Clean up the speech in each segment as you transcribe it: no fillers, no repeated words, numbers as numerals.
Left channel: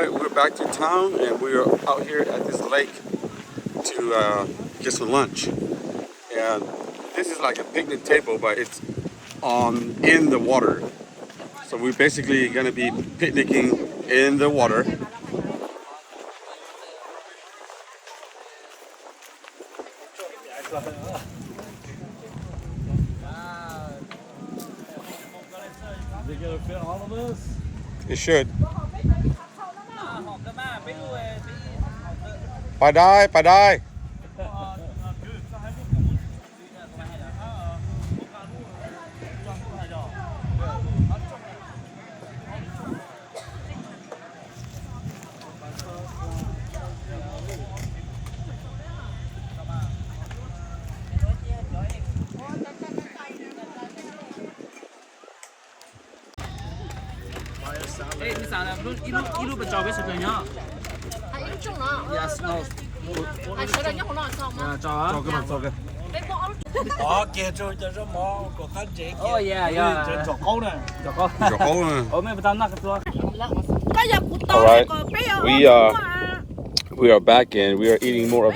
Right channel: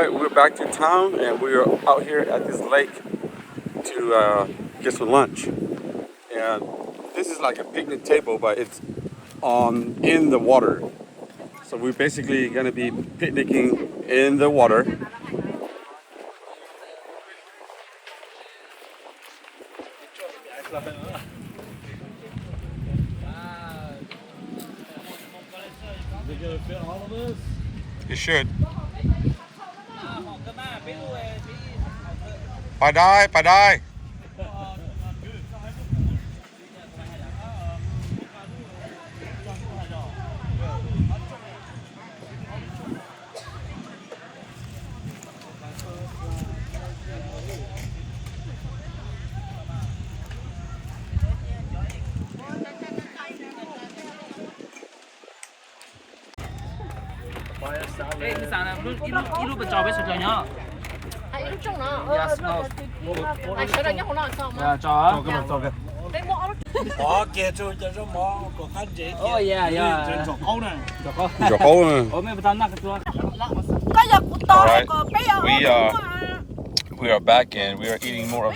Alright, we're back to town and we're out here at this lake to get some lunch. And this is like a picnic table, but it's in the water. So we're basically gonna be picnicking in the water. Is it gonna fit all of us? It should. Bà đai. Ê, mình sáng là ilu bị trò với sợi nhá. Yes, no. Yeah, trò. Đó kia cho mỏ của khán giả kia. Oh yeah, yeah. Trên chọc câu này. Chọc câu. Chọc câu nè. Ủa mấy bữa nãy cái Alright, we are back and we are eating more of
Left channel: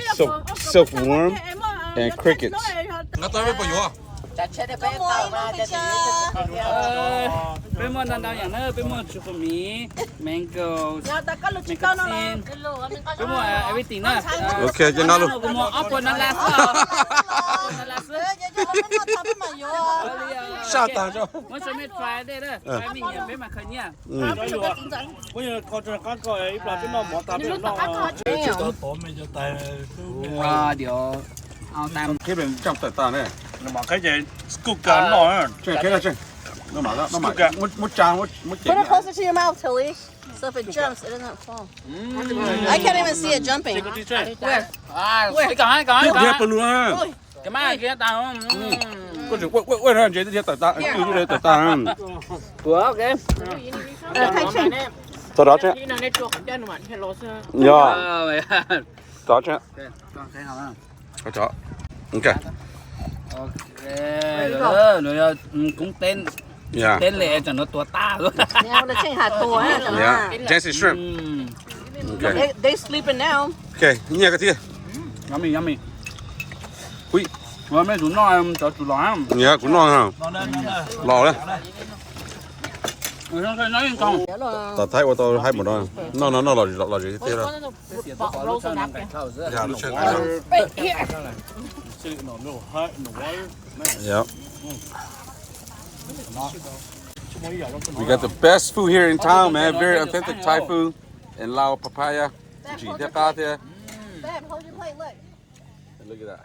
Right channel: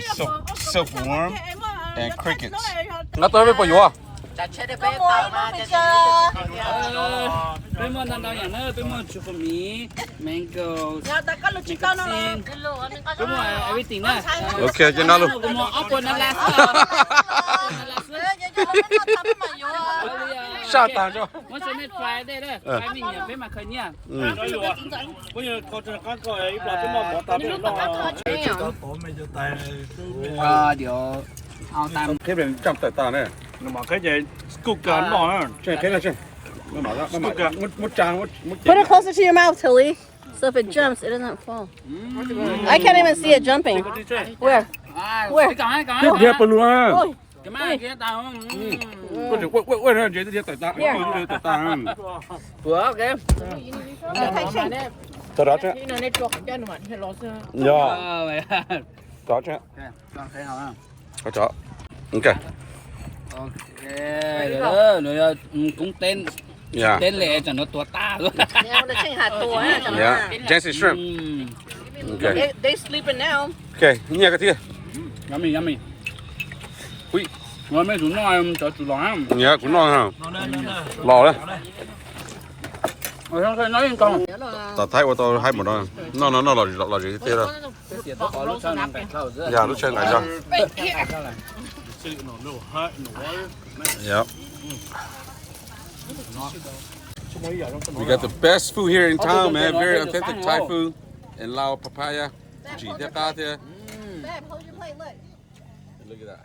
silkworm and crickets. Nó tới với bao nhiêu à? Bên mua đang đang nữa, bên mua chụp mì, mango, xin. Bên mua everything nè. Ok, cho nó luôn. Bên mua apple nè lá. Sao tao cho? Muốn cho mình try đây đó. Cái mình nhận bên mà khơi nha. Bây giờ con cho con coi ấy là cái mỏ tao biết nó. Tổ mình cho tay. Điều ao tam. Cái bên trong tao này. Mà cái gì cục cả nó. Cái này nó mở ra, một trang. Put it closer to your mouth, Tilly. So if it jumps, it doesn't fall. I can't even see it jumping. Where? Cái cái. Cái bên luôn. Cái mai kia tao. Có chừng quên ra vậy tại ta, cái này tại ta. Của ok. Tao đó chứ. Dạ. Đó chứ. Thấy không? Có chó. Ok. Ok, rồi rồi cũng tên Yeah. tên lệ cho nó tua ta luôn. Yeah. Jesse shrimp. Okay. They sleeping now. Okay. Nghe cái kia. Yummy. Ui, rồi mấy chúng nó cho tụi nó. Dạ, cũng ngon ha. Lò đấy. Rồi không nói lên con. Tao thấy ô tô hay một đôi. Nó lò gì thế đó. Dạ, lúc trên này ra. Yep. We got the best food here in town, man. Very authentic Thai food. And Lao papaya. Chỉ theo ta thế. Hold your plate, look. Look at that.